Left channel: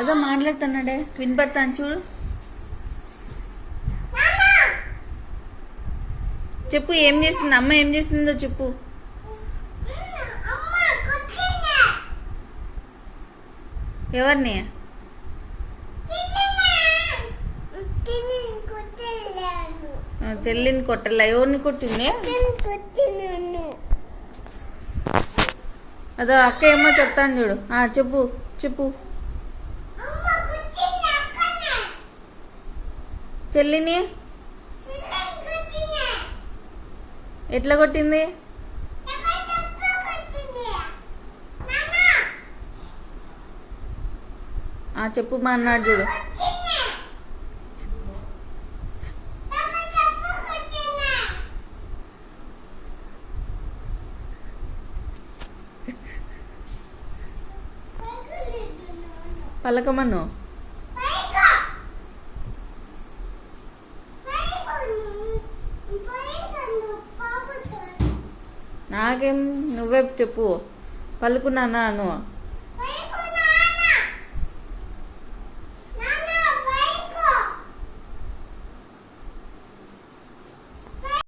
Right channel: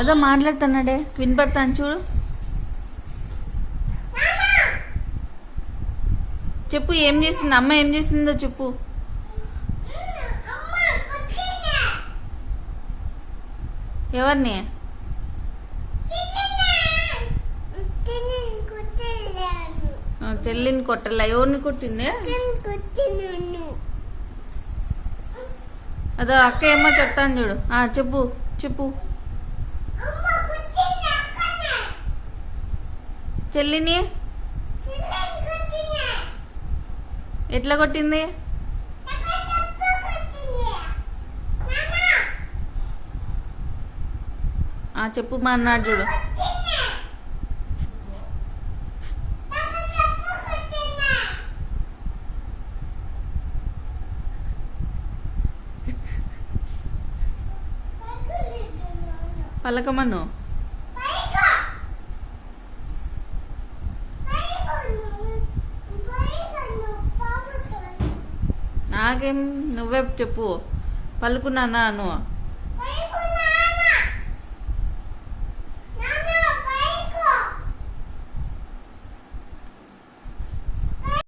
అదో మాట్లాడుతున్నాడే, వినపడతాను చూడు. చెప్పు, ఏం చేసింది అమ్మ, ఏం చేసిందో చెప్పు. ఎవరిని? చెల్లిని కొట్టలా? ఎవరిని కొట్టింది? అదో అక్క ఏమో చెప్తాను చూడు. చెప్పు చెప్పు. చెల్లిని ఎట్లా కొట్టింది? చెప్పు మా అన్నాడు చూడు. పలకమను. నాకేం, నువ్వే చెప్పు. పలుకున్నానా నువ్వు?